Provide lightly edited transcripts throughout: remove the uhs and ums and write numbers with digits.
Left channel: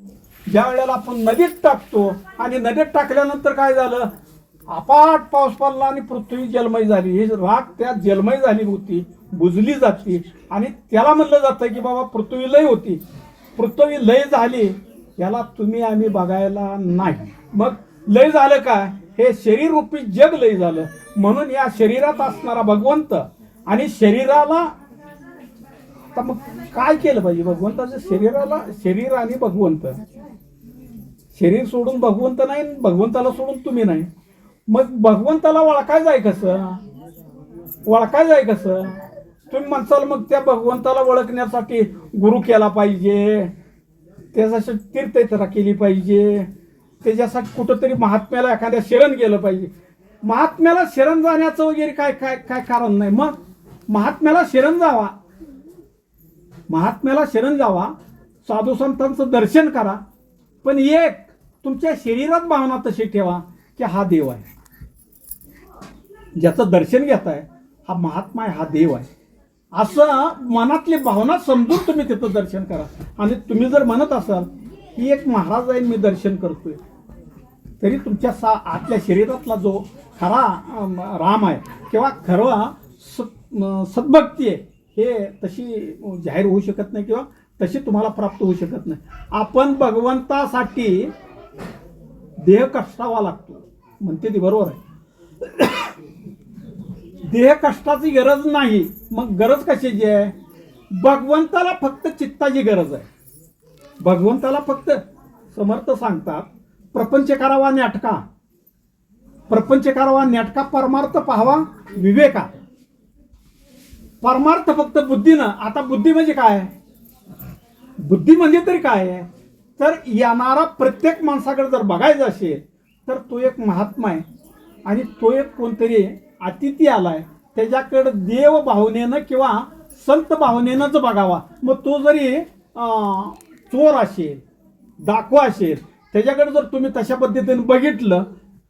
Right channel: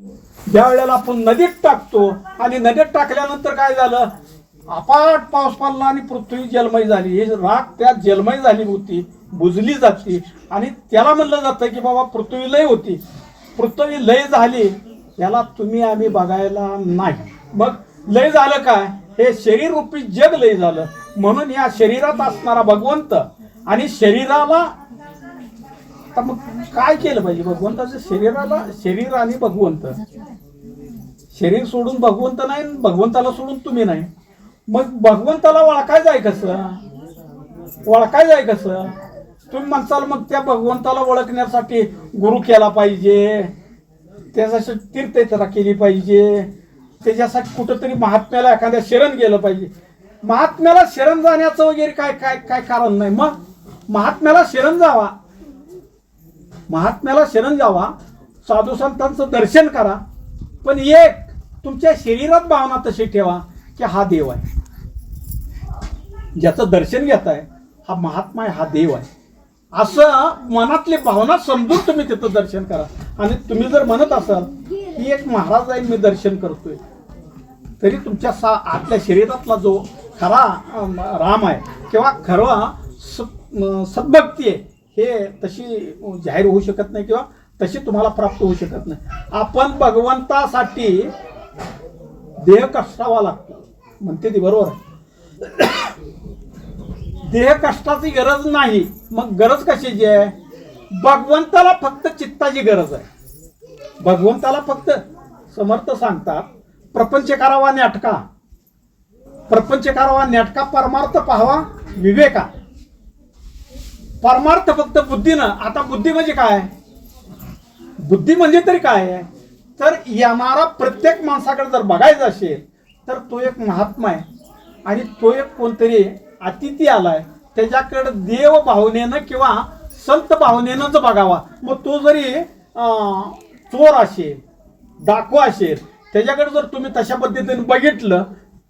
ज्या वेळेला आपण नदीत टाकतो आणि नदीत टाकल्यानंतर काय झालं, अपाट पाऊस पडला आणि पृथ्वी जलमय झाली. ही राख त्यात जलमय झाली होती, बुजली जाते आणि त्याला म्हणलं जातं की बाबा पृथ्वी लय होती. पृथ्वी लय झाली याला तुम्ही आम्ही बघायला नाही. मग लय झालं काय, हे शरीर रूपी जग लय झालं. म्हणून या शरीरात असणारा भगवंत आणि शरीराला तर मग काय केलं पाहिजे भगवंताचं, शरीराला शरीर आणि भगवंत, शरीर सोडून भगवंत नाही, भगवंताला सोडून तुम्ही नाही. मग भगवंताला ओळखायचं कसं, ओळखायचं कसं तुम्ही म्हणसाल. मग त्या भगवंताला ओळखण्यासाठी गुरु केला पाहिजे, त्याच्यासाठी तीर्थयात्रा केली पाहिजे, त्याच्यासाठी कुठंतरी महात्म्याला एखाद्या शरण गेलं पाहिजे. महात्म्याला शरण जाण्याचं वगैरे काय काय काय कारण नाही. मग महात्म्याला शरण जावा, महात्म्याला शरण जावा, साधू संतांचं दर्शन करा, पण एक तुमच्या शरीरात भावना तशी ठेवा की हा देव आहे, ज्याचं दर्शन घेताय हा महात्मा आहे, हा देव आहे, असं मनातली भावना समजून तुम्ही तिथं दर्शन करा. आणि तुम्ही जर म्हणत असाल की एक महाराज आहे मी दर्शन करतोय, तरी तुमच्या आतल्या शरीरातला जो खरा राम आहे किंवा खरा सद्भक्ती आहे हे तशी जाहीर होऊ शकत नाही किंवा तशी तुम्हाला प्राप्त होऊ शकत नाही. आपण भगवंतासाठी देह कष्टावा लागतो म्हणते ती बरोबर आहे. देह कष्टाची गरज नाही. मग गरज कशाची आहे, भगवंताला फक्त चित्ताची गरज आहे. भगवंताला फक्त समर्थ सांगतात प्रपंच करावा नाटका, प्रपंच करावा नाटका, परमार्थ पाहावा विवेका. परमार्थ फक्त बुद्धीनं. आता बुद्धी म्हणजे काय, बुद्धी म्हणजे तरी काय आहे, तर येणारा प्रत्येक माणसाकडे जर बघायचं असेल तर तो एक महात्मा आहे आणि तो एक कोणतरी अतिथी आलाय, त्याच्याकडे देव भावनेनं किंवा संत भावनेनंच बघावा. मग तो जरी चोर असेल, डाकू असेल, त्याच्याकडे जर तुम्ही तशा पद्धतीने बघितलं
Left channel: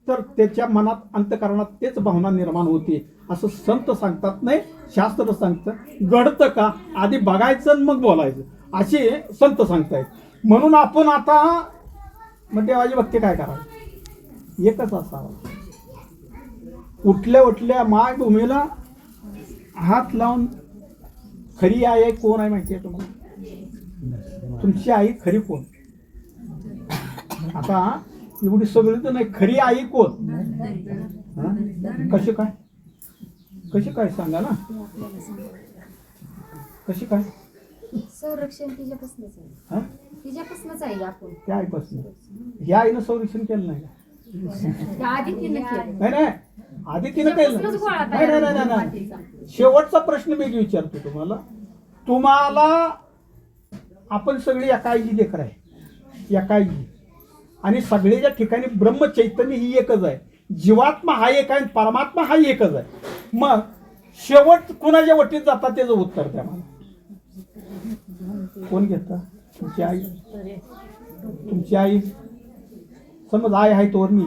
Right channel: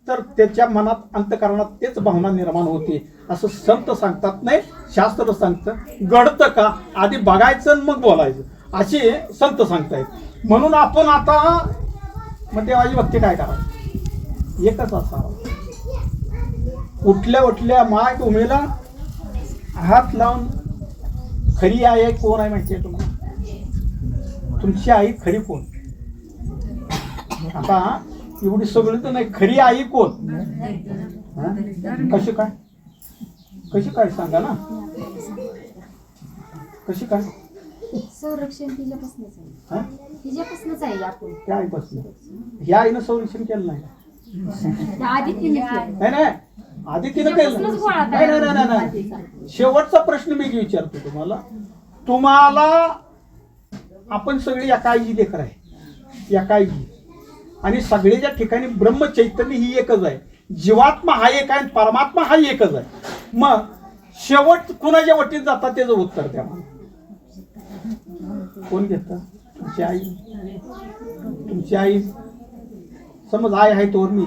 तर त्याच्या मनात अंतःकरणात तेच भावना निर्माण होते. असं संत सांगतात, नाही शास्त्र सांगतं. घडतं का आधी बघायचं आणि मग बोलायचं असे संत सांगतायत. म्हणून आपण आता मग देवाची भक्ती काय करावी, एकच असावं. उठल्या उठल्या मायभूमीला हात लावून खरी आई कोण आहे माहिती आहे तुम्हाला, तुमची आई खरी कोण. आता एवढी सगळी तर नाही, खरी आई कोण, कशी काय, कशी काय सांगा ना, कशी काय. संरक्षण तिच्यापासूनच आहे आपण. त्या आईपासून, ह्या आईनं संरक्षण केलं नाही, नाही आधी तिनं केलं नाही. शेवटचा प्रश्न मी विचारतो तुम्हाला, तुम्हाला आपण सगळी एका आईची लेकर आहे, एका आईची, आणि सगळ्याच्या ठिकाणी ब्रह्मचैतन्य ही एकच आहे. जीवात्मा हा एक आहे, परमात्मा हा एकच आहे. मग शेवट कुणाच्या वटीत जातात त्याचं उत्तर द्या मला. कोण घेतं, तुमची आई. तुमची आई समज आई आहे तोवर मी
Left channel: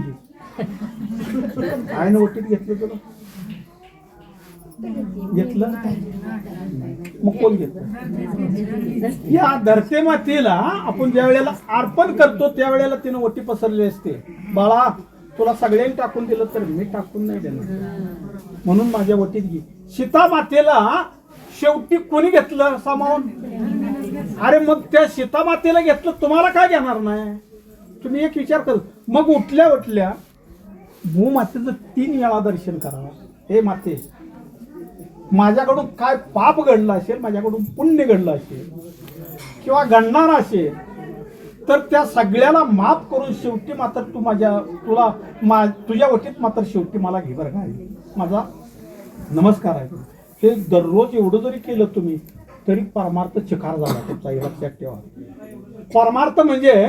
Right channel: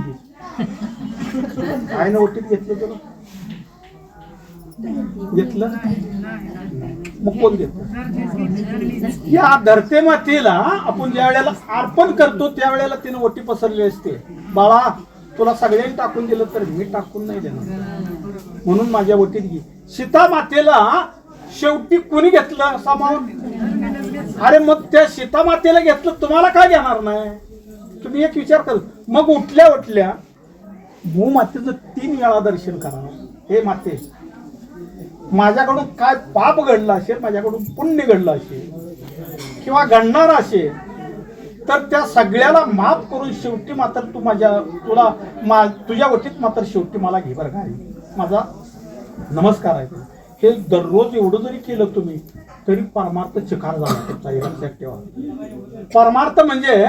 आईनं वटीत घेतलं तर घेतलं, मग कोण घेत. या धरते मातेला आपण ज्या वेळेला अर्पण करतो त्यावेळेला तिने ओटी पसरली असते, बाळा तुला सगळ्यांनी टाकून दिलं तर मी टाकून नाही देणार, म्हणून माझ्या ओटीत घे. सीता मातेला शेवटी कोणी घेतलं सामावून, अरे मग त्या सीता मातेला घेतलं, तुम्हाला काय घेणार नाही. तुम्ही एक विचार कर. मग उठल्या उठल्या भूमातेचं 3 वेळा दर्शन करा. हे माते, माझ्याकडून काय पाप घडलं असेल, माझ्याकडून पुण्य घडलं असेल किंवा घडणार असेल तर त्या सगळ्याला माफ करून शेवटी मात्र तू तुझ्या वटीत मात्र शेवटी मला घे बरं काय, माझा नमस्कार आहे. हे दररोज एवढं जरी केलं तुम्ही तरी परमार्थ चिकार झाला तुमचा, हे लक्षात ठेवा. परमार्थ म्हणजे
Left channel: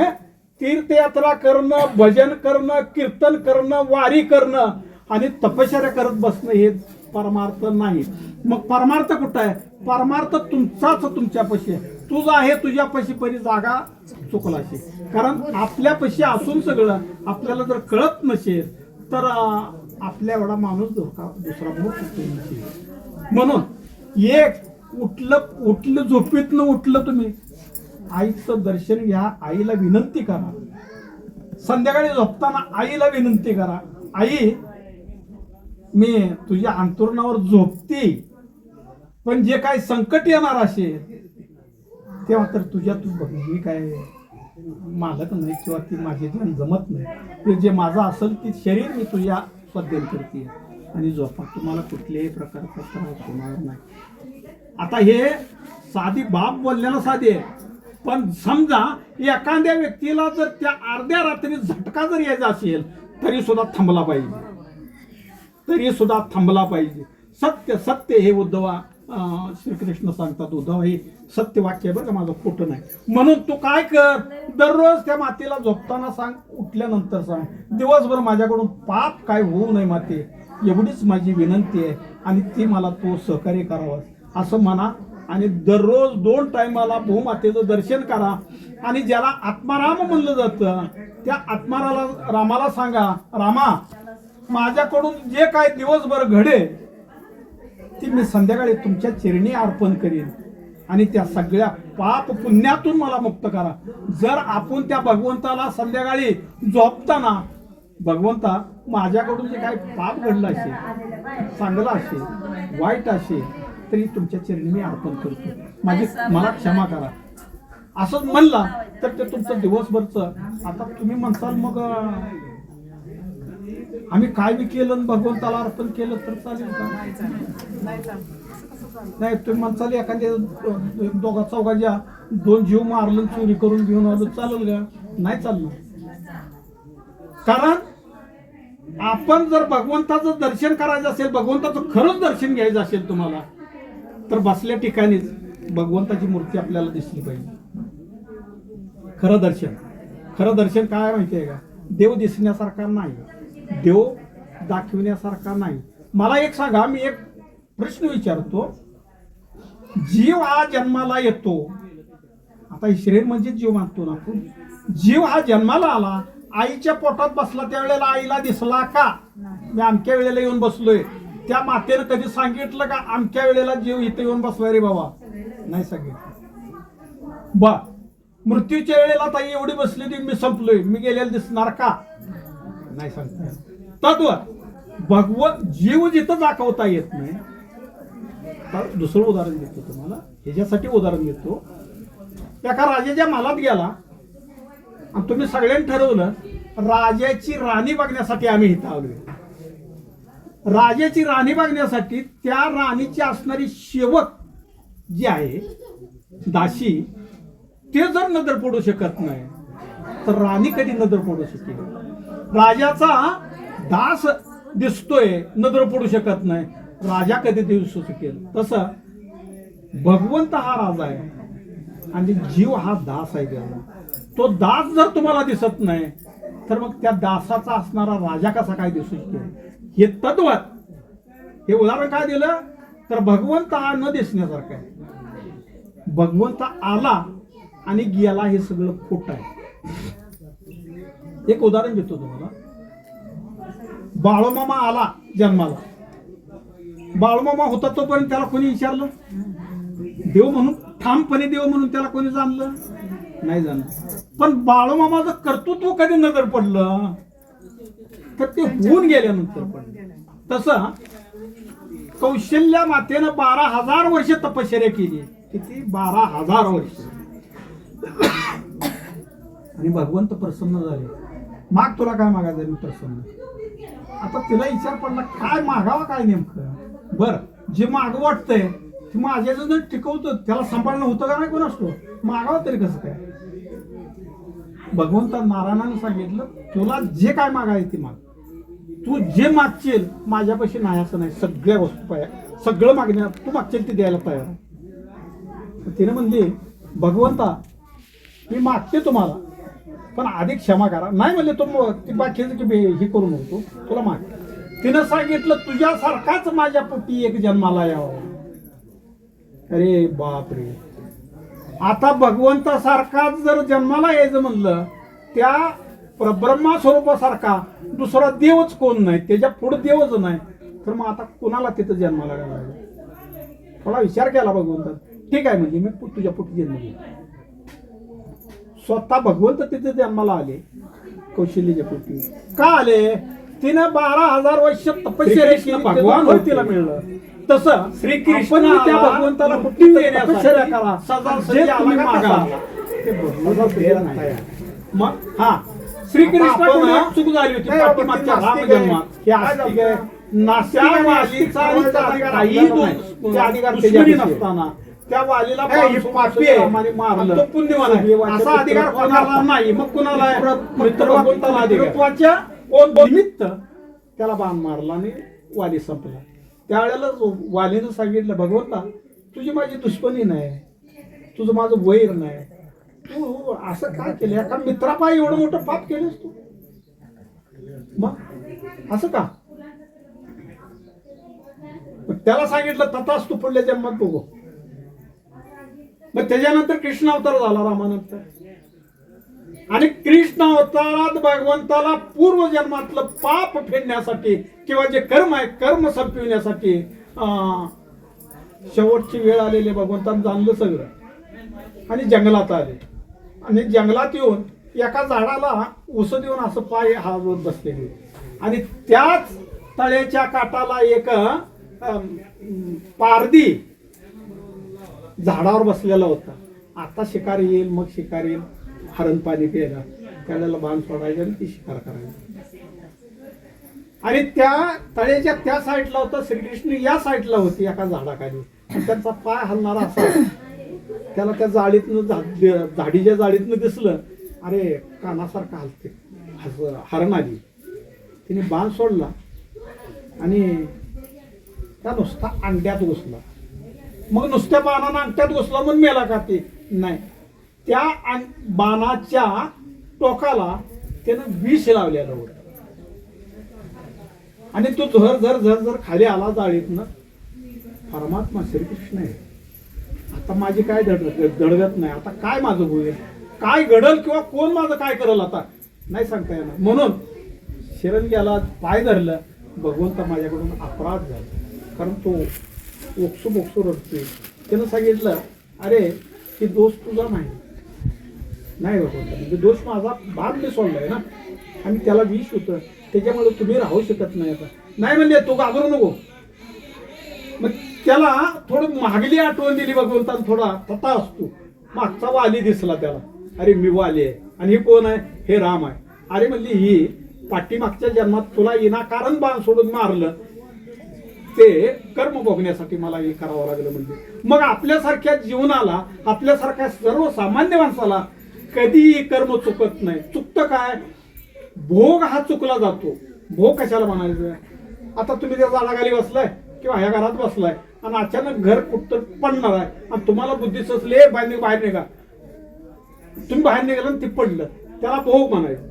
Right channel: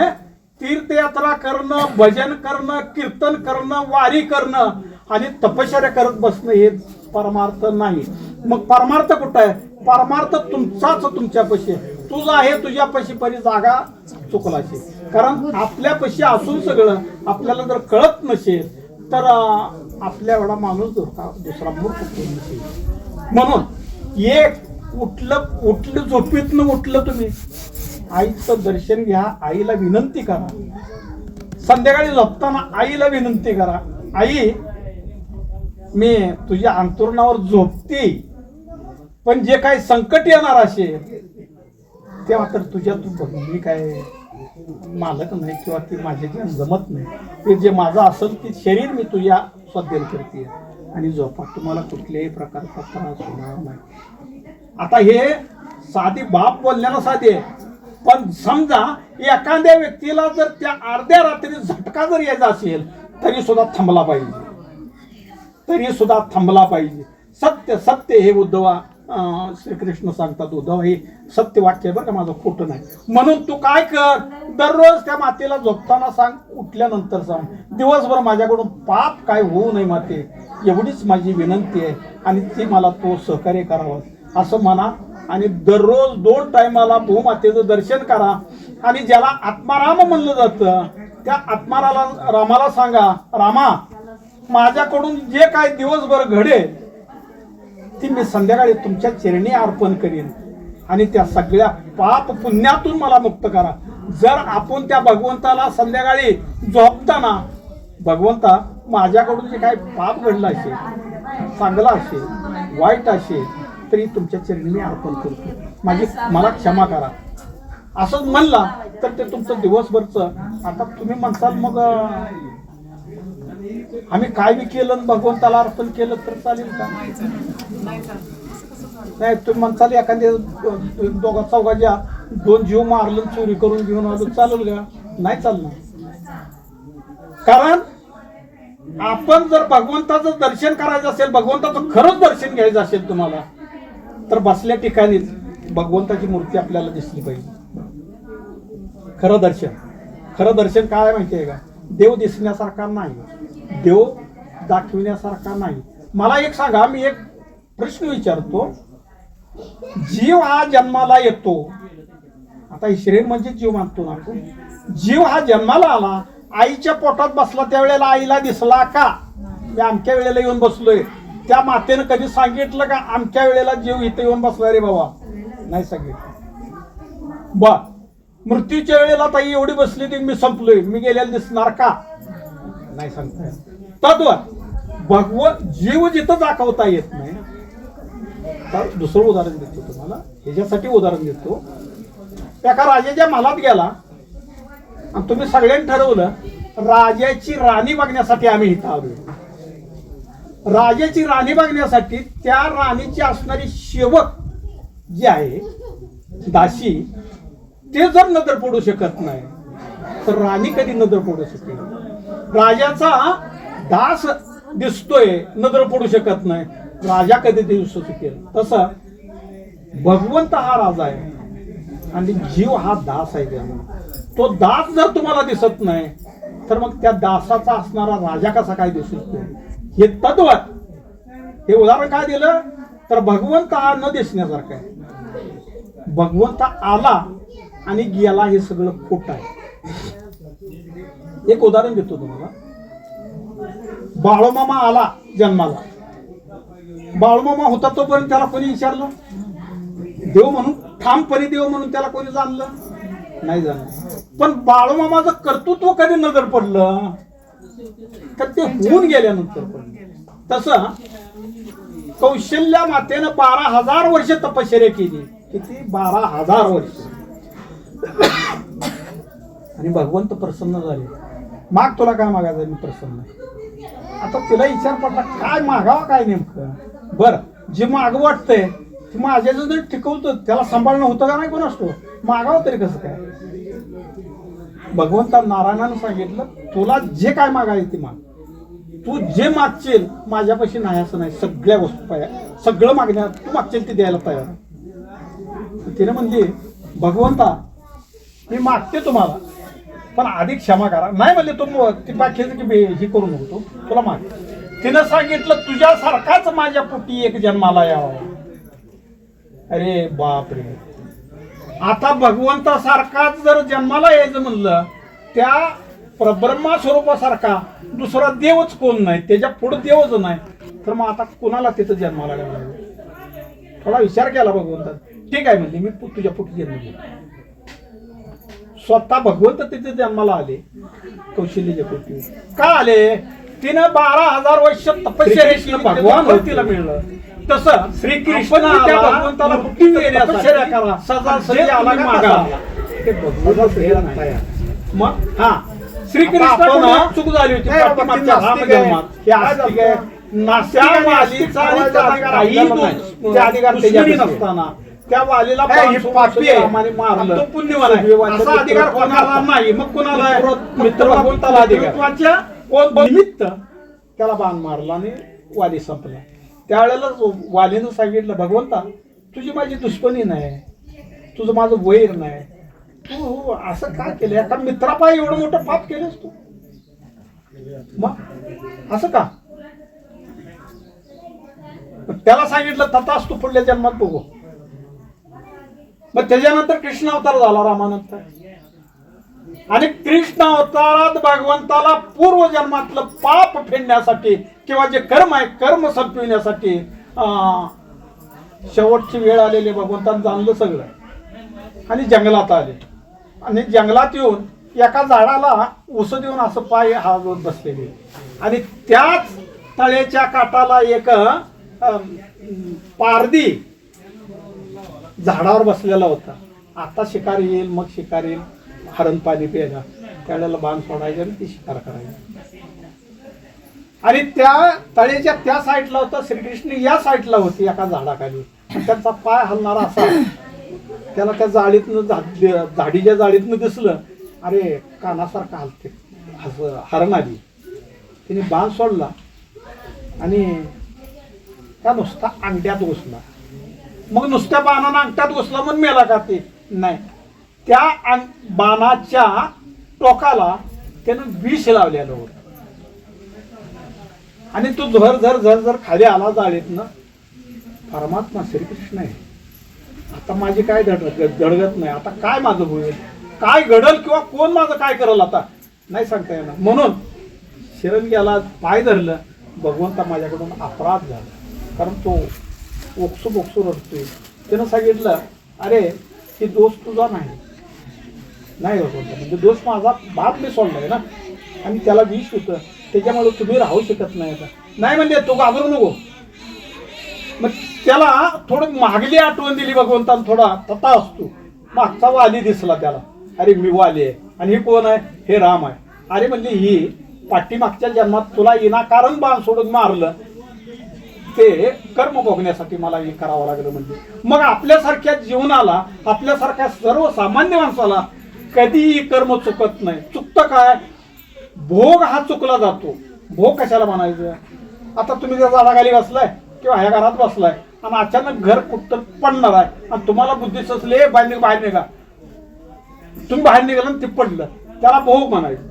तीर्थयात्रा करणं, भजन करणं, कीर्तन करणं, वारी करणं आणि तपश्चर्या करत बसणं हे परमार्थ नाही. मग परमार्थ कुठं आहे, परमार्थ तुमचाच तुमच्यापाशी. तुझा आहे तुझ्यापाशी परी जागा चुकला असेल. कारण आपल्यापाशी असून सगळं आपल्याला जर कळत नसेल तर आपल्या एवढा माणूस दुसरा मूर्ख नसेल. म्हणून एक उठलं झोपेतनं उठलं तुम्ही आईचं दर्शन घ्या, आईला विनंती करा. संध्याकाळी झोपताना आईला विनंती करा, आई मी तुझ्या अंतुरणावर झोपते, पण जे काही संकट येणार असेल तेव्हा तर तुझ्या तू बघ, मी काय मालक नाही किंवा ती माझे जे जमत नाही, ते जे माझं असेल ते शरीर मी तुझ्या स्वाधीन करते आणि झोपा, तुम्हाला कुठल्याही प्रकारचा त्रास होणार नाही. आता हे साधी बाप बोलण्याला साधी आहे, पण समजा एखाद्या व्यक्तीला जर त्या अर्ध्या रात्री झटका जर यायचा असेल तरी सुद्धा थांबला पाहिजे, तरी सुद्धा थांबला पाहिजे. सत्य सत्य हे उद्धवा श्रीकृष्ण सांगतात, उद्धव हे सत्य वाक्य आहे बरं का, माझं खोटं नाही. म्हणून तू काय कर, दररोज त्या मातेला झोपताना सांग, उठल्यानंतर सांग, दिवसभर माझ्याकडून पाप काय होऊ नये माते, एवढीच माझी विनंती आहे आणि ती मला तो सहकार्य करावं असं म्हणा. आणि दररोज 2 टायमाला भूमातेचं दर्शन करा. आणि ज्याला आत्माराम म्हणलं जातं त्या रामाला सांगा, रामा माझ्याकडून जे काय दिवसभर घडे ती मी संध्याकाळी तुमच्या चरणी अर्पण करीन आणि त्या सगळ्या पाप पुण्यातून मला मुक्त करा. जर आपण त्या भगवंताला संध्याकाळी झोपताना, भगवंता माझ्याकडून जे काय पाप घडलं असेल, चांगलं असेल वाईट असेल तरी तुमच्या चरणी मी अर्पण करतो, मला क्षमा करा असं म्हणला तर ते तुमचं दिवसभरचं. आता तुम्ही म्हणताल मग आम्ही काय बी केलं भगवंताला अर्पण केलं तर चालेल का? नाही, तुम्ही म्हणताल एखाद्या 2-4 2 जीव मारलं चोरी करून घेऊन आलो चालेल का? नाही चालणार. कारण आपण जर भगवंताचं दर्शन करायचं असेल, भगवंताचं खरंच दर्शन घ्यायचं असेल तुम्हाला, तर बसल्या ठिकाणीच भगवंताची मूर्ती आपल्याला दिसली पाहिजे. खरं दर्शन काय माहितीये का? देव दिसण्यासारखा नाही, देव दाखविण्यासारखा नाही. मला एक सांगा, मी एक प्रश्न विचारतो, जीव हा जन्माला येतो, आता ही शरीर म्हणजे जीव मानतो ना आपण, जीव हा जन्माला आला, आईच्या पोटात बसला त्यावेळेला आईला दिसला का? मी अमक्या वेळेला येऊन बसलोय, त्या मातेनं कधी सांगितलं का अमक्या वेळेला जीव इथे येऊन बसला रे बाबा? नाही सांगितलं. बा मृत्यूच्या वेळेला ताई एवढी बसली ती मी संपलोय, मी गेलेला दिसणार का? नाही सांगता. तद्वत भगवत जीव जिथं दाखवता येत नाही. तर दुसरं उदाहरण देतो तुम्हाला, ह्याच्यासाठी उदाहरण देतो. एका राजाच्या महालात गेला आणि तुम्ही सगळ्यांनी ठरवलं राजाची राणी बघण्यासाठी आम्ही इथं आलोय. राजाची राणी बघण्यासाठी त्या राणीची असणारी सेवक जी आहे दासी, ते जर नजर पडू शकत नाही तर राणी कधी नजर पडू शकेल? राजाचा दास दिसतोय नजर पडू शकत नाही, राजा कधी दिसू शकेल? तसं भगवंत हा राजा आहे आणि जीव हा दास आहे. तो दास जर तुम्हाला दिसत नाही तर मग त्या दासाचा असणारा राजा कसा काय दिसू शकेल? हे तद्वत, हे उदाहरण काय दिलं तर भगवंत हा न दिसण्यासारखा आहे. भगवंत आला आणि गेला हे सगळं खोट आहे. एक उदाहरण देतो तुम्हाला. बाळूमामा आला जन्माला, बाळूमामा होता तोपर्यंत त्याला कोणी विचारलं? देव म्हणून ठामपणे देव म्हणून त्याला कोणी जाणलं नाही जाणलं. पण बाळूमामाचं कर्तृत्व कधी नजर पडलं तर ते होऊन गेल्यानंतर पडलं. तसं कौशल्या मातेनं 12,000 वर्ष तपश्चर्या केली. किती? 12,000 वर्ष. आणि भगवंत प्रसन्न झाले. माग तुला काय मागायचं? मी प्रसन्न. आता तिला विचार पडला काय मागावं काय नेमकं? बर, जे माग वाटतंय ते माझ्या जर टिकवतं त्याला सांभाळणं होतं का नाही कोण असतो? मागावं तरी कसं काय? भगवंता नारायणानं सांगितलं तुला जे काय मागायचं ते माग, तू जे मागशील माझ्यापाशी नाही असं नाही, सगळ्या वस्तू सगळं मागण्यात तू मागशील ते द्यायला तयार. तिने म्हणजे भगवंता मी मागते तुम्हाला पण आधी क्षमा करा. नाही म्हणले तो ती बाकीचं की हे करू नको, तुला माग. तिनं सांगितलं तुझ्यासारखाच माझ्या पोटी एक जन्माला यावं. अरे बाप रे, आता भगवंतासारखाच जर जन्माला यायचं म्हणलं त्या परब्रह्मा स्वरूपासारखा दुसरा देवच कोण नाही, त्याच्या पुढे देवच नाही, तर मग आता कोणाला तिथं जन्माला यावं? थोडा विचार केला भगवंता. ठीक आहे म्हणजे मी तुझ्या पोटी जन्म घेतो. स्वतः भगवंत तिथे जन्माला आले कौशल्य पोटी का आले? तिनं 12,000 वर्ष तपश्चर्या केली, भगवान तिला मिळलं. तसं श्रीकृष्ण त्या भगवंताला कुठे तपश्चर्या करा सजा सजा आला मागा ते भगवंत नाही. मग हा श्रीकृष्ण चूक झाली होती पाठीमागच्या रामजन्मात. हे आस्तिक आहे, नास्तिक वालीचा काही अधिकार नसताना त्या वालीला पापी आहे मारलं, तो पुण्यवान आहे असा अधिकार कोणाला नाही. मग कुणाला? मित्र भगवंताला अधिकार. कोण निमित्त त्याला बाण मारला आणि वाली संपला. त्यावेळेला वालीनं सांगितलं, भगवंता तुझी माझी दुश्मनी नाही, तुझं माझं वैर नाही, तू असं काय केलं? एका मित्रापायी एवढं मोठं पाप केलंस तू, मग असं का? त्याला सांगितलं तथाच तू पुढल्या जन्मात बघू. मग त्याच्यानंतर कृष्ण अवतार झाला रामानंतर. आणि कृष्ण अवतारात भगवंताला पूर्व जन्मातलं पाप फेडण्यासाठी किंवा जे कर्म आहे कर्म संपविण्यासाठी शेवटची वेळ आलेली भगवंतानं जाणलं सगळं आणि जंगलात आले. आणि जंगलात येऊन एका झाडाला उस देऊन असं पाय हालवत बसलेले आणि त्याच तळ्याच्या काठाला एक पारधी झाडावर बसलेला होता. आता शिकार येईल, मग शिकार येईल, हरण पाणी प्यायला, त्यावेळेला बाण सोडायचं आणि ती शिकार करायची. आणि त्या तळ्याच्या त्या साईडला होता श्रीकृष्ण, या साईडला होती एका झाडाखाली. त्यांचा पाय हलणारा असा त्याला त्या जाळीतनं झाडीच्या जाळीतनं दिसलं. अरे कानासारखं हलते, हरण आली. तिने बाण सोडला आणि त्या नुसता अंगठ्यात घुसला. मग नुसत्या बाणानं अंगठ्यात घुसला मग मेला का? ते नाही, त्या बाणाच्या टोकाला त्यानं विष लावलेलं होतं आणि तो झर झर झर झर खाली आला जाळीतनं. परमात्मा श्रीकृष्ण आहे, आता माझी काय धडगत नाही, आता काय माझं होईल, काय घडल किंवा कोण माझं काय करल आता नाही सांगता येणार. म्हणून शरण गेला, पाय धरलं. भगवंता माझ्याकडून अपराध झाला, कारण तो ओक्सू बोक्सू रडतोय. त्यानं सांगितलं, अरे हे दोष तुझा नाही भगवंता, म्हणजे दोष माझा बाप मी सोडलाय ना, आणि त्याला विष होतं, त्याच्यामुळे तुम्ही राहू शकत नाही. आता नाही म्हणजे तो घाबरू नको. मग त्याला थोडं मागली आठवण दिली भगवंतानं, थोडा तथा असतो. मागचा वाली दिसला त्याला, अरे मी वाली आहे आणि हे कोण आहे? हे राम आहे. अरे म्हणजे ही पाठीमागच्या जन्मात तुला विनाकारण बाण सोडून मारलं, ते कर्म भोगण्यासाठी मला हे करावं लागलं. म्हणजे मग आपल्यासारख्या जीवनाला, आपल्यासारख्या सर्वसामान्य माणसाला कधीही कर्म चुकत नाही. चुकतं काय? भोग हा चुकला जातो. भोग कशाला म्हणायचं? आता तुम्ही त्या झाडाखाली बसलाय किंवा ह्या घरात बसलाय आणि अचानक घर कुठं पडणार आहे आणि तुम्हाला बुद्धी सुचले, बाहेर निघा. तुम्ही बाहेर निघाला ते पडलं, त्याला भोग म्हणायचं.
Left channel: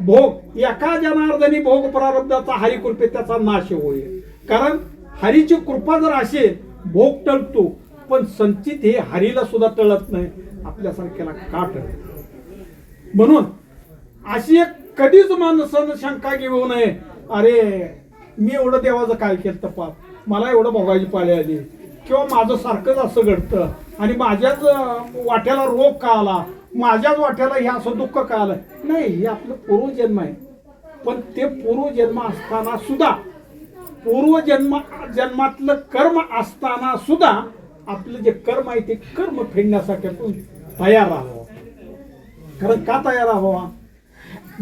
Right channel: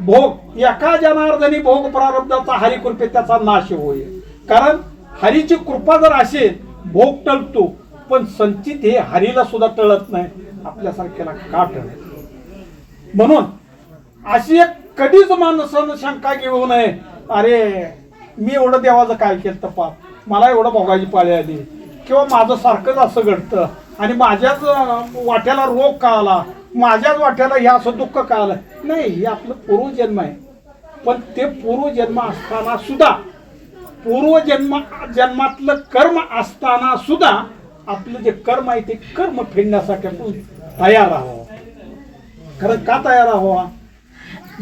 भोग एका जनार्दनी भोग प्रारब्धाचा हरिकृपेत त्याचा नाश होईल. कारण हरीची कृपा जर असेल भोग टळतो, पण संचित हे हरीला सुद्धा टळत नाही, आपल्यासारख्याला का टळत? म्हणून अशी एक कधीच माणसानं शंका घेऊ नये, अरे मी एवढं देवाचं काय केलं पाप, मला एवढं भोगायची पाळी आली, किंवा माझं सारखंच असं घडतं आणि माझ्याच वाट्याला रोग का आला, माझ्याच वाट्याला हे असं दुःख का आलं. नाही, हे आपलं पूर्वजन्म आहे. पण ते पूर्वजन्म असताना सुद्धा, जन्मातलं कर्म असताना सुद्धा आपलं जे कर्म आहे ते कर्म फेडण्यासाठी आपण तयार राहावं. खरं का तयार राहावं?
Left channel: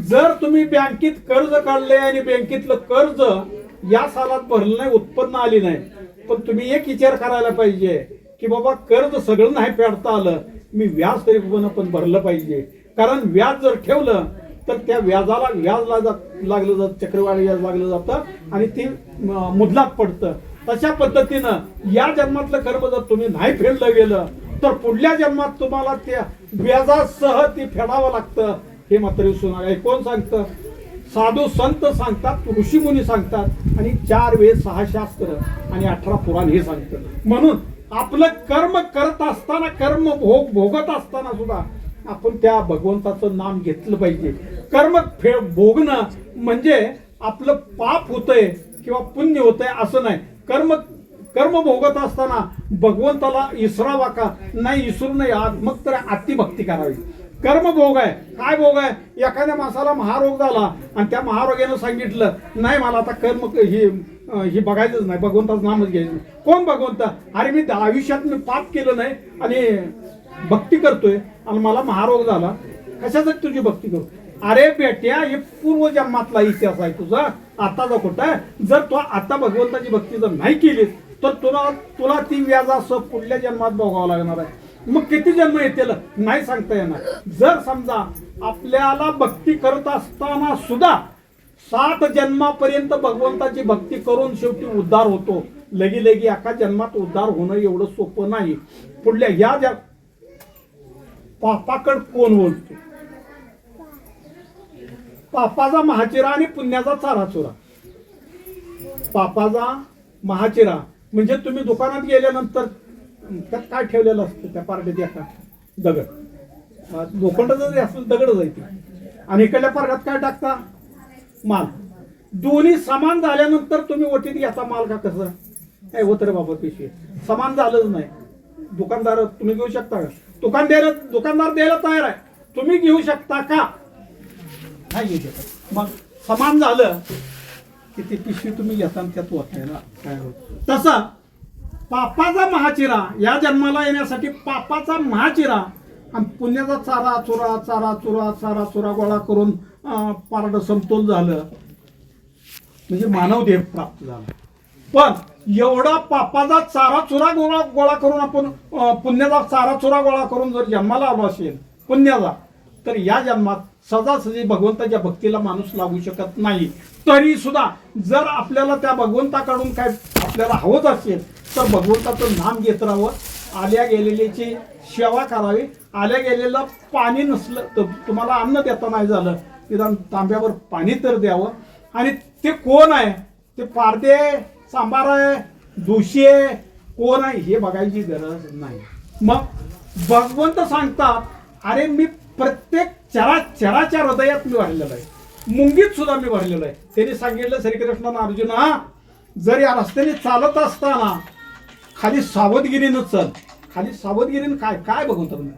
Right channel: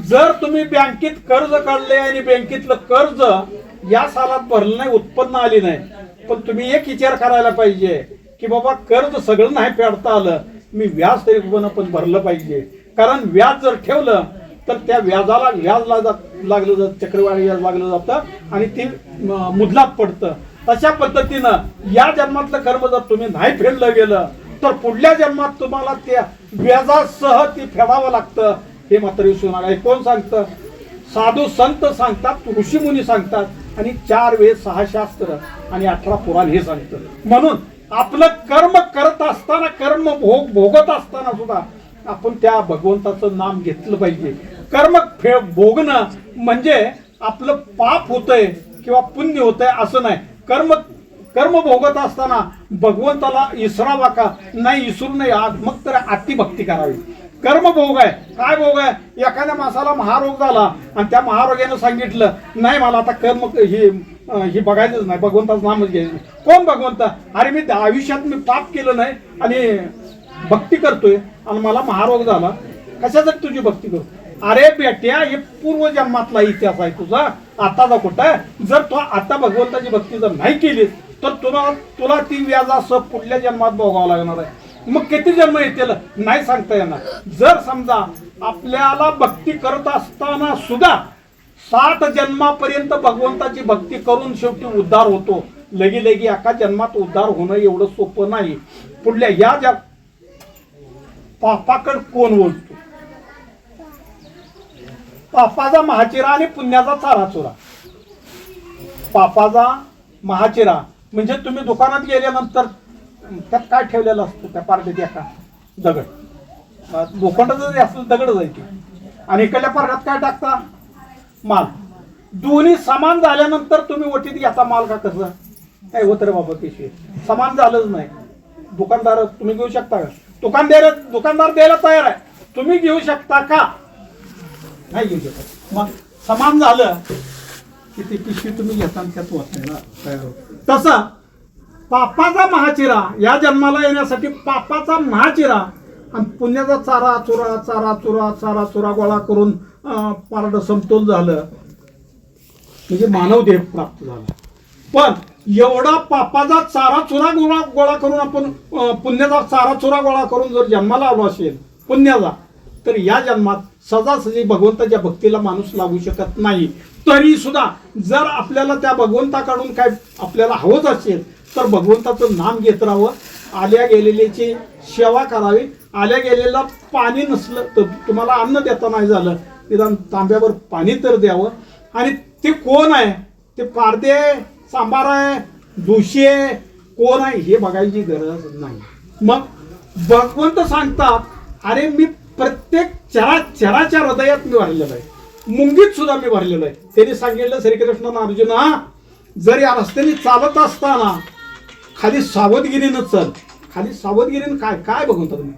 जर तुम्ही बँकेत कर्ज काढले आणि बँकेतलं कर्ज या सालात भरलं नाही, उत्पन्न आली नाही, पण तुम्ही एक विचार करायला पाहिजे की बाबा कर्ज सगळं नाही फेडता आलं, मी व्याज तरी पण भरलं पाहिजे. कारण व्याज जर ठेवलं तर त्या व्याजाला व्याज लागलं जातं, चक्रवाढी व्याज लागलं जातं आणि ती मुदलात पडतं. तशा पद्धतीनं या जन्मातलं कर्म जर तुम्ही नाही फेडलं गेलं तर पुढल्या जन्मात तुम्हाला त्या व्याजासह ती फेडावं लागतं. हे मात्र विसरू नका. हे कोण सांगतं? साधू संत सांगतात, ऋषीमुनी सांगतात, आणि 4 वेद 6 शास्त्र आणि 18 पुराण हे सांगतं. म्हणून आपलं कर्म करत असताना, कर्म भोगत असताना सुद्धा आपण त्या भगवंताचं नाम घेतलं पाहिजे. कर्म भोगणं म्हणजे आपलं पाप होतंय किंवा पुण्य होतंय असं नाही. कर्म भोगत असताना भगवंताला इसरावा का नाही? इसरू नये. मग तर अतिभक्ती करावी. कर्म भोग आहे. काय भोग आहे? एखाद्या माणसाला महारोग झाला आणि त्या महारोग्यानं सांगितलं नाही मला आता कर्म हे बघायचंच नाही, भगवंताचं नामच घ्यायचं नाही. कोण भगवंत? अरे मी आयुष्यात मी पाप केलं नाही आणि भक्ती करतोय आणि मला महारोग झाला, कशासाठी तुझी भक्ती करू? अरे बेट्या, हे पूर्वजन्मातला इतिहास आहे तुझा, आताचा कुठं आहे? जर तू आता भगवंताची भक्ती जर नाही केलीस तर तुला ती व्याजासह पुढल्या जन्मात भोगावं लागणार आहे. मग किती जन्म येतील नाही सांगता येणार. जर समजा आपल्याला भक्ती करत असताना सुद्धा 60 जन्मापर्यंत भगवंताची भक्ती करून शेवटी उद्धार होतो. लगी एका जन्मात उद्धार होणं एवढं सोपं नाही. पुढल्या या पापाकड कोण बोलतो? पापाचा महाचिरा आणि पुण्याचा चाराचुरा. पापाचा महाचिरा म्हणजे तुम्ही दुकानात गेल्यानंतर त्यात काय ठेवलेलं असतं त्या पार्टीत? एका दगड, लोखंड जरी असलं दगड जायची आणि इकडल्या पार्ट्यात काय टाकता? माल. दोन्ही समान झाल्यानंतर तुम्ही ओटीत घेता माल का? कसं काय होत रे बाबा? पिशवी समान झालंच नाही. दुकानदार तुम्ही घेऊ शकता का? दुकानदार द्यायला तयार आहे, तुम्ही घेऊ शकता का? नाही घेऊ शकत. मग समान झालं की ती पिशवी तुम्ही घेता त्यात वाचायला तयार होत. तसं पापाचा महाचिरा, या जन्माला येण्यासाठी पापाचा महाचिरा आणि पुण्याचा चारा चुरा गोळा करून पारड समतोल झालं म्हणजे मानव देह प्राप्त झाला. पण एवढा पापाचा चारा चुरा गोळा करून आपण पुण्याचा चारा चुरा गोळा करून जर जन्माला आलो असेल पुण्याचा, तर या जन्मात सजासजी भगवंताच्या भक्तीला माणूस लागू शकत नाही. तरी सुद्धा जर आपल्याला त्या भगवंताकडून काय आपल्याला हवंच असेल तर भगवंताचं नाम घेत राहावं, आल्या गेलेल्याची सेवा करावी. आल्या गेलेलं पाणी नसलं तर तुम्हाला अन्न देता नाही झालं, निदान तांब्यावर पाणी तर द्यावं. आणि ते कोण आहे? ते पारदे सांबार आहे, दोषी आहे, कोण आहे हे बघायची गरज नाही. मग भगवंत सांगतात, अरे मी प्रत्येक चराच्या हृदयात मी भरलेलो आहे, मुंगीत सुद्धा मी भरलेलो आहे. त्यांनी सांगितलं श्रीकृष्णानं, अर्जुना जर या रस्त्याने चालत असताना खाली सावधगिरीनं चल. खाली सावधगिरीनं काय काय बघून तुम्ही?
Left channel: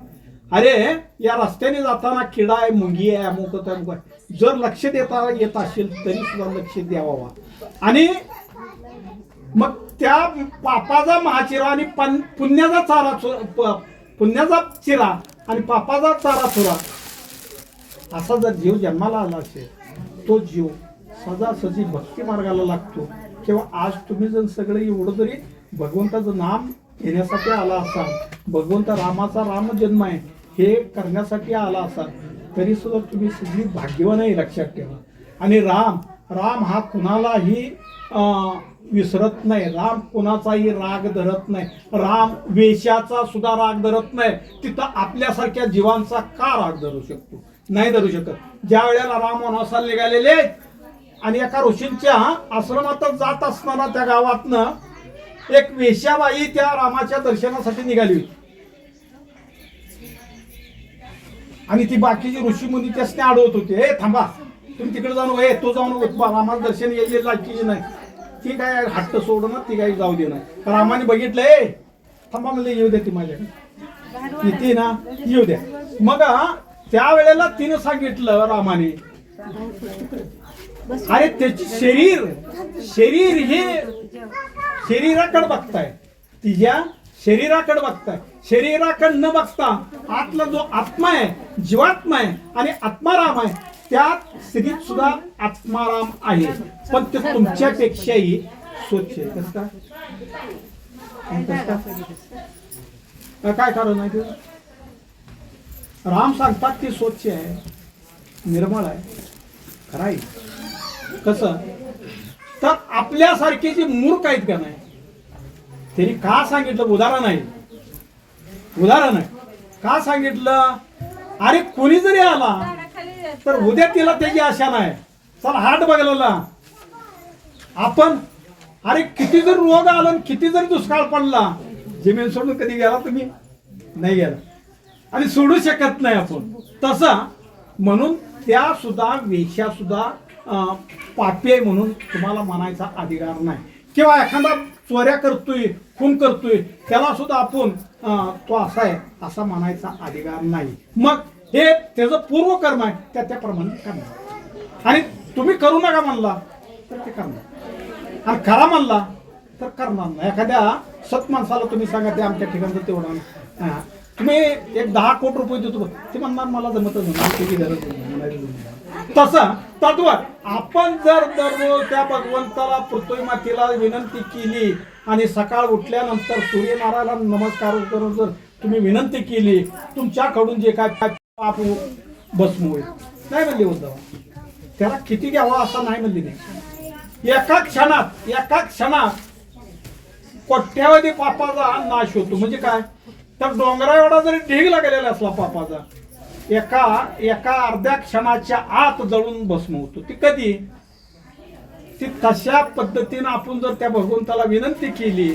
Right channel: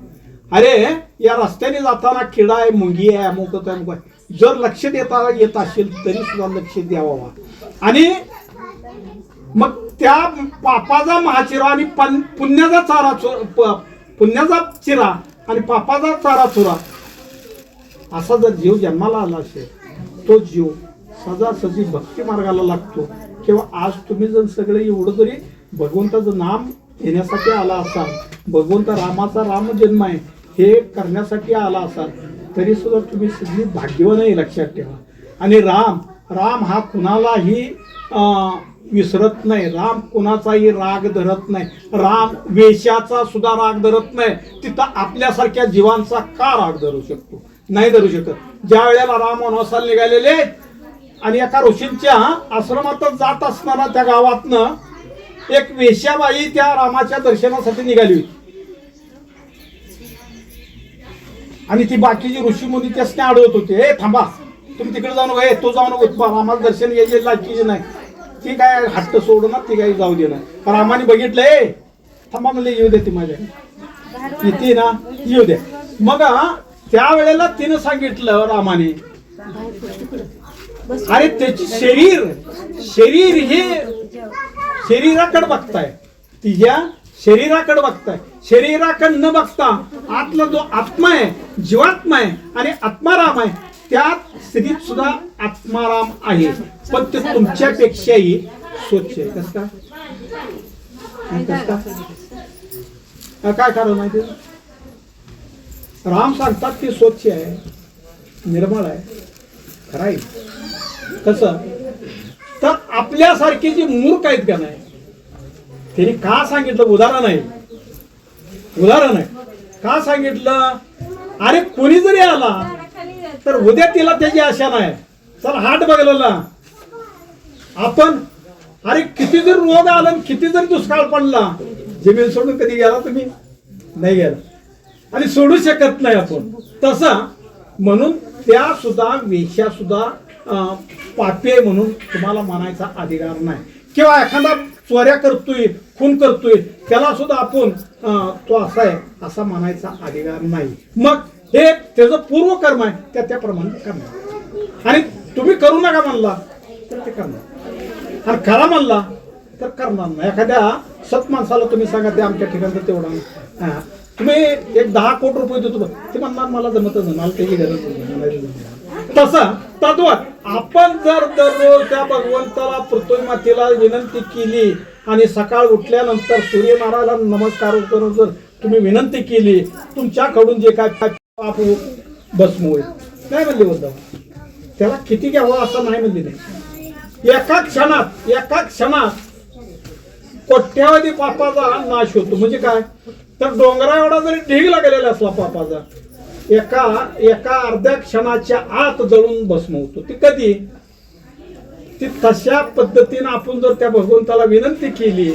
अरे या रस्त्याने जाताना किडा आहे, मुंगी आहे, अमुक आहे. जर लक्ष येत असेल तरी सुद्धा लक्ष द्यावा. आणि मग त्या पापाचा महाचिरा आणि पुण्याचा चिरा आणि पापाचा चारा चुरा असा जर जीव जन्माला आला असेल, तो जीव सजासजी भक्ती मार्गाला लागतो. किंवा आज तुम्ही जर सगळं एवढं जरी भगवंताचं नाम घेण्यासाठी आला असाल, भगवंत रामाचा राम जन्म आहे हे करण्यासाठी आला असाल, तरी सुद्धा तुम्ही सगळी भाग्यवान आहे, लक्षात ठेवा. आणि राम हा कुणालाही विसरत नाही. राम कुणाचाही राग धरत नाही. राम वेशाचा सुद्धा राग धरत नाही. तिथं आपल्यासारख्या जीवांचा का राग धरू शकतो? नाही धरू शकत. ज्या वेळेला राम वनवासाला निघालेले आणि एका ऋषींच्या आश्रमातच जात असताना त्या गावातनं एक वेश्याबाई त्या रामाच्या दर्शनासाठी निघाली होती. आणि ती बाकीची ऋषी मुनी त्यासने अडवत होते, हे थांबा, तुम्ही तिकडे जाऊ नका, तो जाऊ नका, रामाला दर्शन यायचे लायकीचे नाही. ती काय हट्ट सोडणार, ती काही जाऊ दे ना. रामाने बघितलंय, थांबा म्हणले, येऊ दे ती माझ्या इथे ना, येऊ द्या. मग त्यावेळेला तिनं सांगितलं रामाने, अरे त्याची शरीर हे शरीराकडे बघताय, तिच्या शरीराकडे बघताय. शरीराकडे न बघता आतला जो आत्मा आहे, जीवात्मा आहे आणि आत्माराम आहे, त्यात स्त्रीत सुद्धा आत्माराम आहे. पण ते तुमच्यापेक्षाही स्वच्छ आहे. कसं काय कारण माहिती? राम सांगतात ती स्वच्छ आहे, निर्मळ आहे, खरं आहे. कसं तर आपल्यासारखे जे मूर्ख आहेत का नाही, त्यांनी का सांगितलं? उदाहरण आहे का सांगितलं? अरे कोणी जरी आला तर उद्या तिला त्याची आशा नाही. चल हाट बघलेला आपण, अरे किती जरी रोग आला, किती जरी दुष्काळ पडला, जमीन सोडून कधी गेला तुम्ही? नाही गेला. आणि सोडू शकत नाही आपण. तसं म्हणून त्या सुद्धा वेश्या सुद्धा पापी आहे म्हणून तुम्हाला म्हणायचा अधिकार नाही. किंवा एखादा चोऱ्या करतोय, खून करतोय, त्याला सुद्धा आपण तो असा आहे असा म्हणायचा अधिकार नाही. मग हे त्याचं पूर्वकर्म आहे, त्याप्रमाणे करणार. आणि तुम्ही करू नका म्हणला तर ते करणार, आणि करा म्हणला तर करणार नाही. एखाद्या सत माणसाला तुम्ही सांगा ते आमच्या ठिकाणचं तेवढा तुम्ही एक 10 कोटी रुपये देतो, ते म्हणणार मला जमतच नाही, मला त्याची गरज नाही. तसं तद्वत आपण जर दररोज त्या भगवंताला पृथ्वी मातेला विनंती केली आणि सकाळ उठल्यानंतर सूर्यनारायणाला नमस्कार करून जर तुम्ही विनंती केली, तुमच्याकडून जे काय पाप भस्म होईल. नाही म्हणले उद्धव, त्याला किती घ्यावं असं नाही म्हणले नाही. एका क्षणात कोट्यावधी पापाचा नाश होतो. म्हणजे काय तर डोंगरा एवढा जरी ढीगला गेलेला असला पापाचा, एका अर्ध्या क्षणाच्या आत जळून भस्म होतो. ती कधी ती तशा पद्धतीनं आपण जर त्या भगवंताला विनंती केली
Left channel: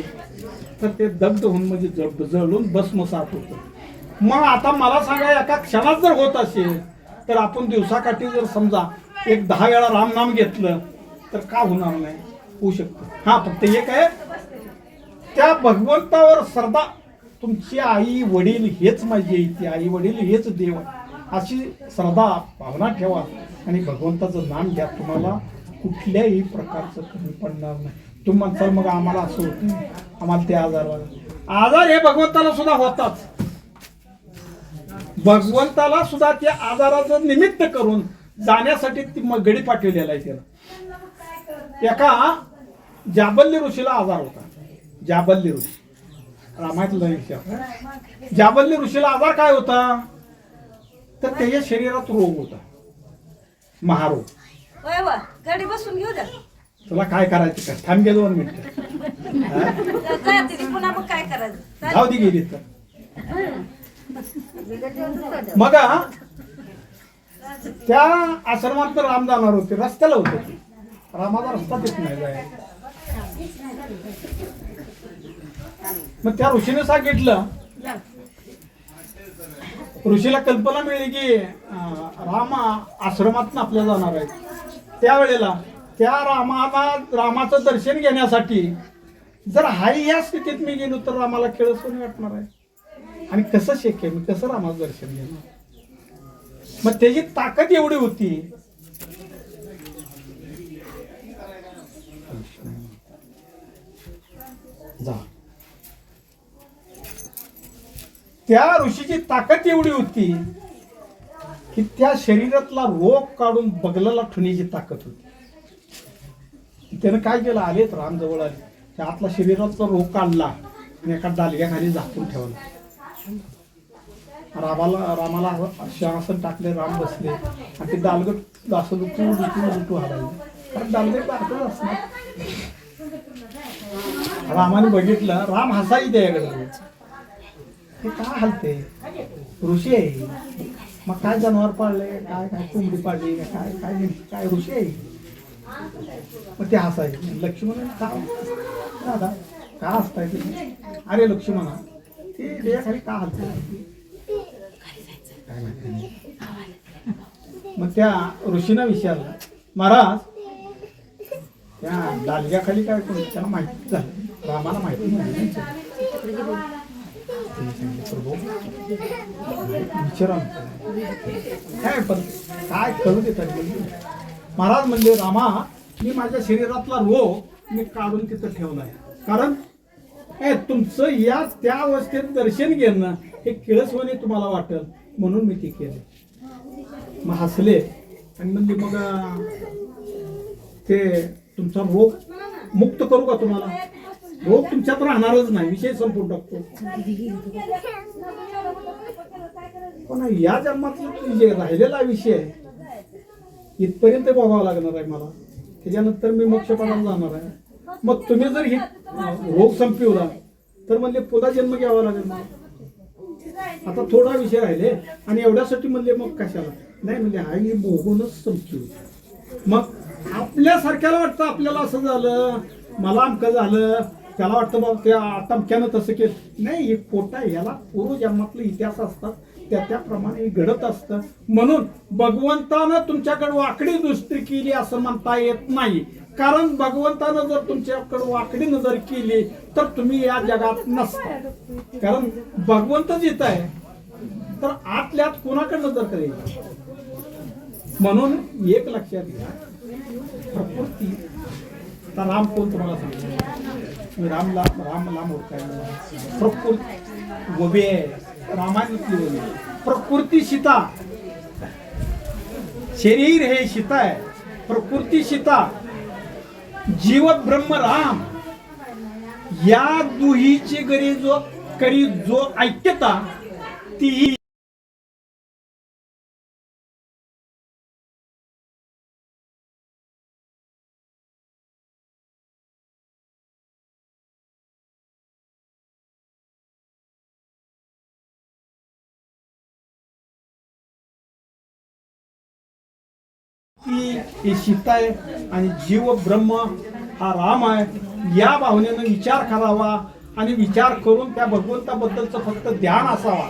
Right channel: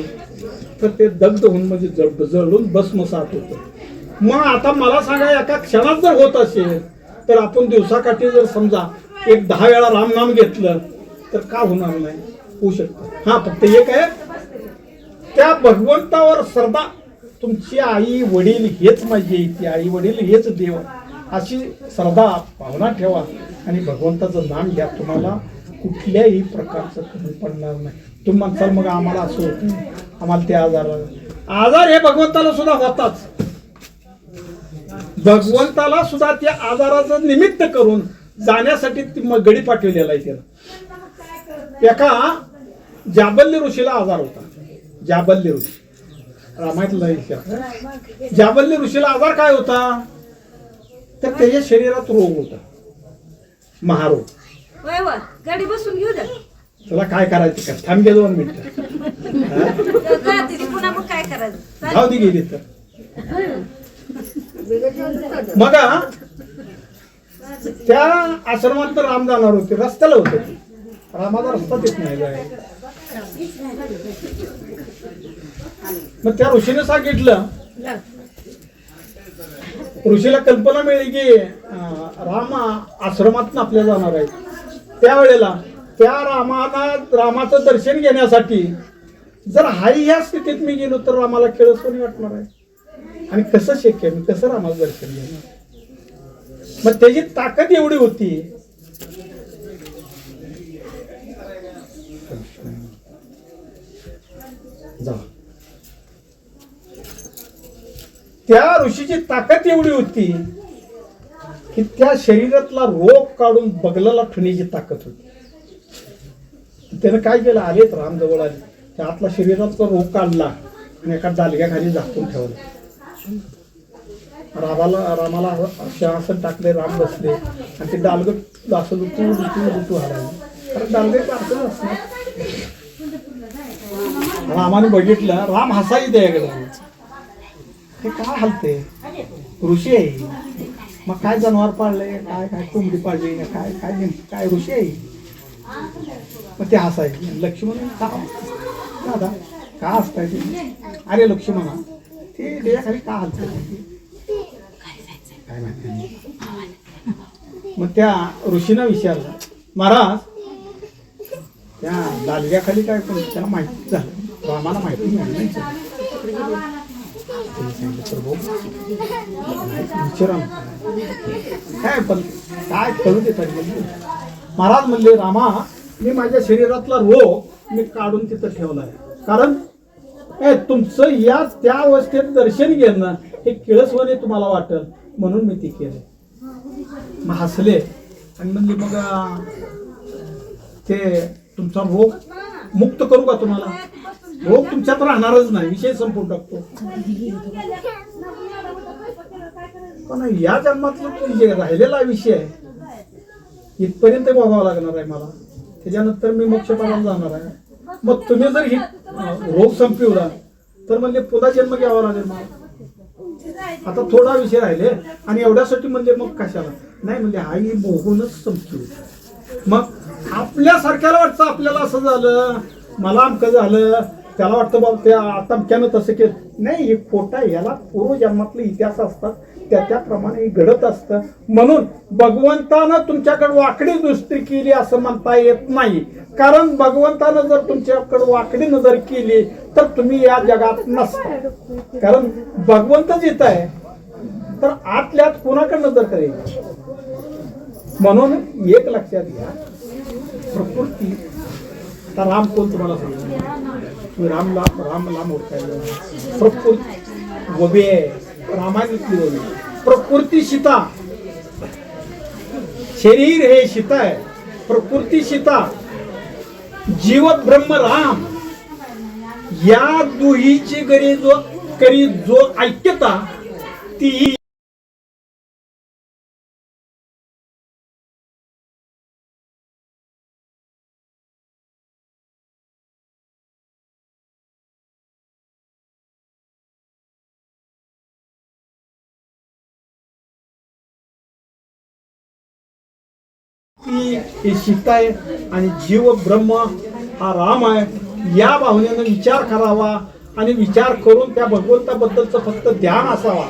तर ते दग्ध होऊन म्हणजे जळून भस्मसात होतं. मग आता मला सांगा, एका क्षणात जर होत असेल तर आपण दिवसाकाठी जर समजा एक 10 वेळा रामनाम घेतलं तर का होणार नाही? होऊ शकतं. हा, फक्त एक आहे, त्या भगवंतावर श्रद्धा. तुमची आई वडील हेच माझी इथे, आई वडील हेच देव, अशी श्रद्धा भावना ठेवा आणि भगवंताचं नाम घ्या. तुम्हाला कुठल्याही प्रकारचं कमी पडणार नाही. तुम्ही म्हणसाल मग आम्हाला असं होतं, आम्हाला ते आजार हे भगवंताला सुद्धा होताच. भगवंताला सुद्धा त्या आजाराचं निमित्त करून जाण्यासाठी गडी पाठवलेला आहे त्याला. एका जाबल्य ऋषीला आजार होता. जाबल्य ऋषी रामायणातला जाबल्य ऋषीला आजार काय होता तर त्याच्या शरीरात रोग होता, महारोग. गाडी बसून घेऊ द्या. तुला काय करायचं का? थांब घे 2 मिनिटं. पुन्हा मग काय करायचं? जाऊ दे गेली तर. मग त्या आश्रमात तर राम जाणार होते, रस्त्याला होते. रामाचा रस्ता देत नाही जाय. मग त्या ऋषीने सांगितलं, ऋषीला कल्पना मिळली की राम आश्रमात आपल्या जाणार आहे. त्यावेळेला त्या रामाचं दर्शन घेण्यासाठी जर हाई ह्या स्थितीत मी गेलो तर रामाला खेळसवानी वाटणार आहे. आणि कसं शक्य, मी कसं रामाचं दर्शन घेणार? मग त्याची ताकद एवढी होती. त्या ऋषीची ताकद एवढी होती की त्या शरीरातला रोग काढून बगलाला ठेवण्याची ताकद होती. त्यानं काय केलं, आलेत राम जवळ आले, त्या आतला शरीरातला रोग काढला आणि एका डालग्याखाली झाकून ठेवला. रामाला सिंहासन टाकले, राम बसले आणि ते डालगं असं लुटू हलायला, कारण डालगे बारकच असणार. रामाने बघितलं, राम हसाई द्यायकडे, हे काय हलते, ऋषी आहे. मग काय जनावर पाळले, काय काय कोंबडी पाळली, काय काय काय ऋषी आहे. मग ते हसायचे. लक्ष्मण का दादा का हसताय तुम्ही? अरे लक्ष्मणा, ते देयाखाली का हलते काय माहिती नाही. मग त्या ऋषीनं विचारलं, महाराज त्या दालग्याखाली काय कोण? त्याला माहिती झालं, रामाला माहिती नाही. विचारा काय पण काय करू देतात. महाराज म्हणले, रामा मी माझ्या शरीरातला रोग मी काढून तिथं ठेवलाय, कारण तुमचं या त्या अवस्थेत दर्शन घेणं हे किळसवाने तुम्हाला वाटेल म्हणून मी ते केलं. मग हसले आणि म्हणले, मग ते तुमचा रोग मुक्त करू का तुम्हाला? रोग तुमच्यात राहणारच नाही, विषय संपून टाकतो. पण या जन्मातला जे राहिलेला विषय इथपर्यंत बघावा लागणार आहे मला, त्याच्यानंतर मी मोक्षपणाला जाणार आहे. मग तुम्ही जर ही रोग संपवला तर म्हणजे पुन्हा जन्म घ्यावा लागेल मला. आता थोडा विषय राहिले आणि एवढ्यासाठी म्हणजे मग कशाला नाही, म्हणजे हा ही बघूनच संपतो. मग आपल्यासारख्याला वाटतं आपल्याला असं झालं, मला अमकं झालं, त्याला वाटतं बाबा त्या तमक्यानं तसं केलं. नाही, हे खोटा आहे. याला पूर्वजन्मातले इतिहास असतात, त्याप्रमाणे घडत असतं. म्हणून भगवंतानं तुमच्याकडे वाकडी दृष्टी केली असं म्हणता येत नाही. कारण भगवंतानं जर तुमच्याकडे वाकडी नजर केली तर तुम्ही या जगात नसता. कारण भगवंतच येत आहे, तर आतल्यात कोणाकडे नजर करेल. म्हणून एक लक्षात घ्या, प्रकृती. आता राम कोण तुम्हाला सांगतो, तुम्ही रामला ओळखायला. प्रकृती वबे आहे, रामायणातली वबे. प्रकृती सीता, शरीर हे सीता आहे, प्रकृती सीता, जीव ब्रह्म राम. या दुहीची करी जो ऐक्यता ती ही सीता आहे आणि जीव ब्रह्म हा राम आहे. या भावनेनं विचार करावा आणि विचार करून त्या भगवंताबद्दलचं फक्त ध्यान असावा.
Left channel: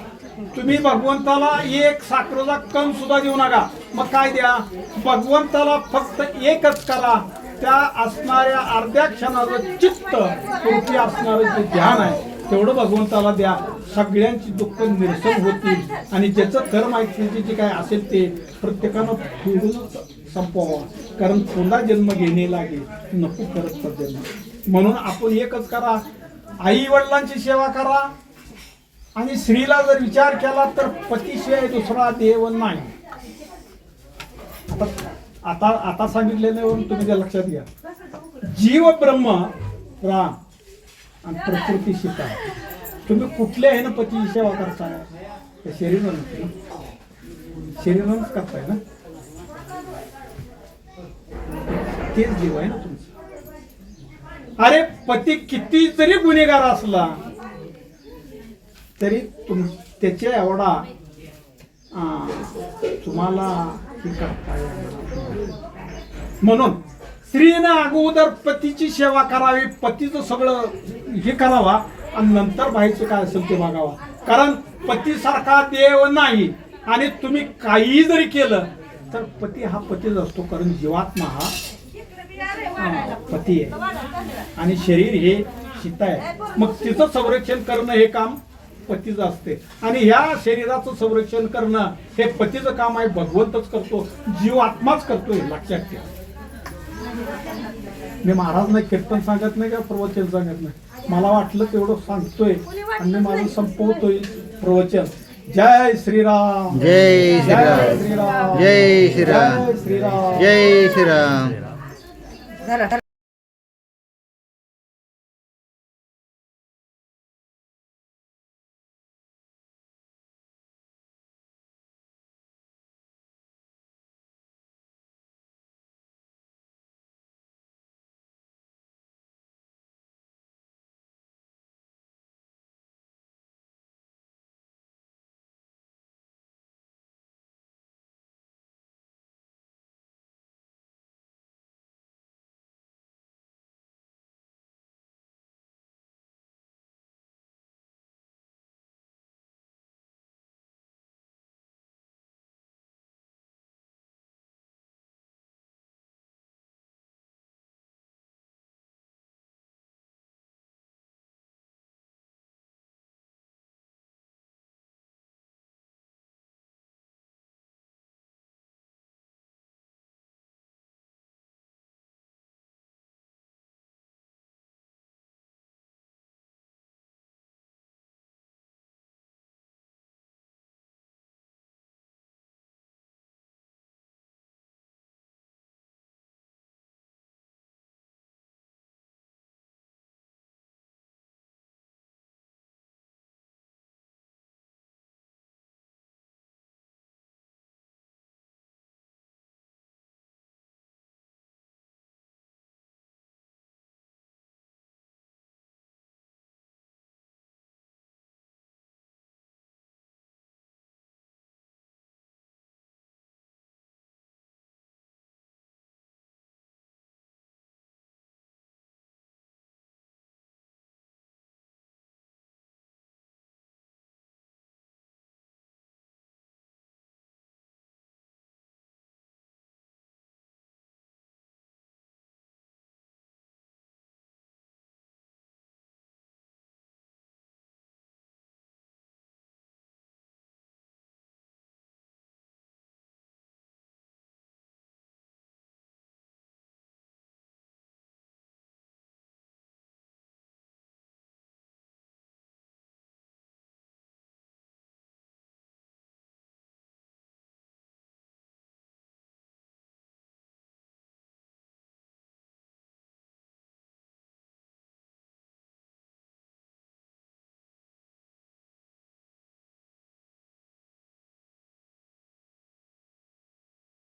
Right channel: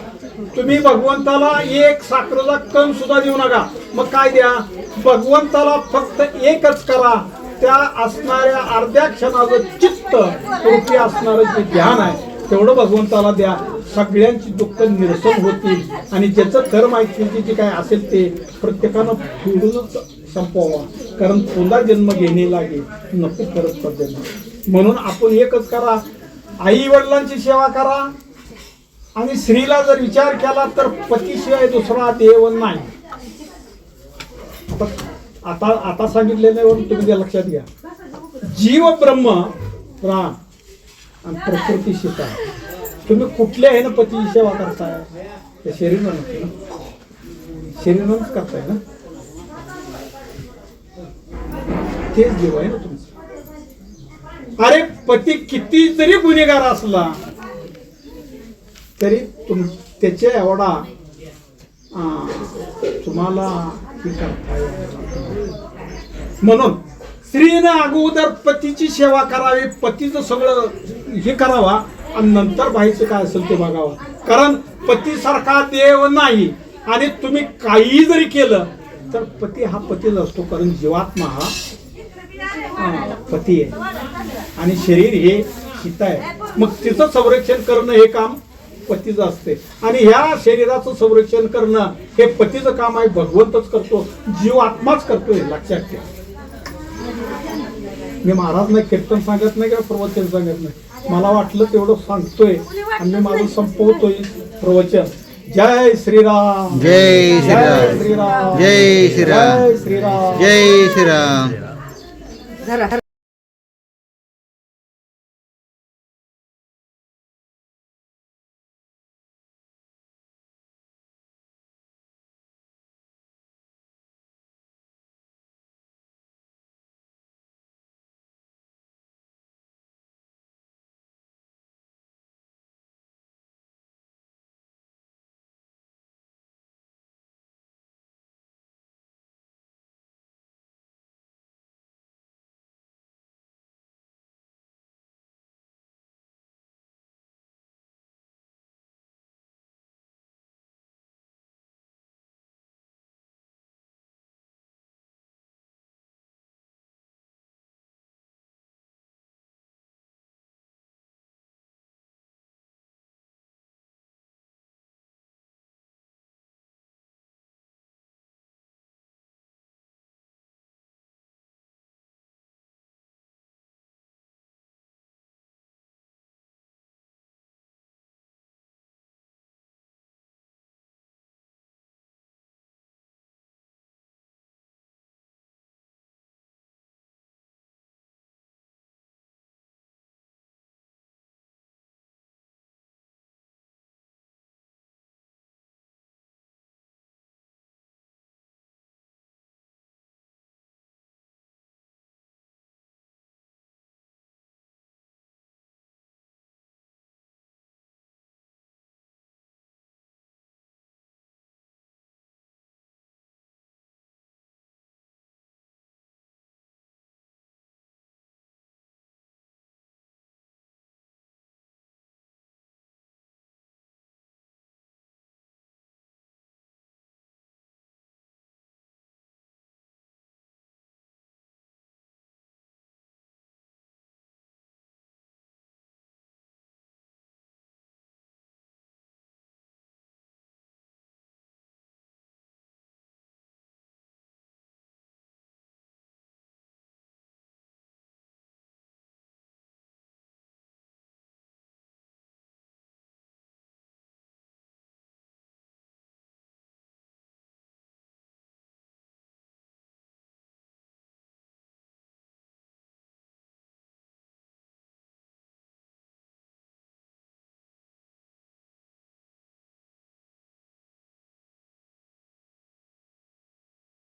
तुम्ही भगवंताला एक साखरेचा कण सुद्धा देऊ नका. मग काय द्या, भगवंताला फक्त एकच करा. त्या असणाऱ्या अर्ध्या क्षणाचं चित्त रूपी असणारं जे ध्यान आहे तेवढं भगवंताला द्या. सगळ्यांची दुःख निरसन होतील आणि ज्याचं कर्म आहे जे काय असेल ते प्रत्येकानं फेडूनच संपवावा. कारण पुन्हा जन्म घेणे लागेल, नको परत जन्म. म्हणून आपण एकच करा, आई वडिलांची सेवा करा. आणि स्त्रीला जर विचार केला तर पतीशिवाय दुसरा देव नाही. आता आता सांगितलेलं तुम्ही ते लक्षात घ्या. जीव ब्रह्म राम आणि प्रकृती सीता. तुम्ही कुठल्या आहे ना पतीची सेवा करताय, त्या शरीरानं शरीरानंच करताय ना, तेच जीव आहे ना तुमचं. अरे पती किती जरी गुन्हेगार असला तरी त्याच्या एवढा तुम्हाला ही करता येईल. म्हणून स्त्रीनं अगोदर पतीची सेवा करावी, पतीचं सगळं हे करावा आणि नंतर बाहेरचं काय असेल ते बघावा. कारण पतीसारखा देव नाही. आणि तुम्ही काही जरी केलं तर पती हा पतीच असतो. कारण जीवात्मा हा पती आहे आणि शरीर हे सीता आहे. मग तिचं संरक्षण करणं हे काम पतीचं असते आणि ह्या शरीराचं संरक्षण करणं हे पतीचं काम आहे. भगवंतच करतो, जीव आत्माच करतोय, लक्षात ठेवा. मी महाराज नाही कीर्तन सांगत नाही का प्रवचन सांगत नाही. मला वाटलं तेवढं सांगतोय आणि मी माझं संपवतोय प्रवचन. जय श्रीराम, जय श्रीराम, श्रीराम, जय श्रीराम, जय श्रीराम, जय श्रीराम. झाला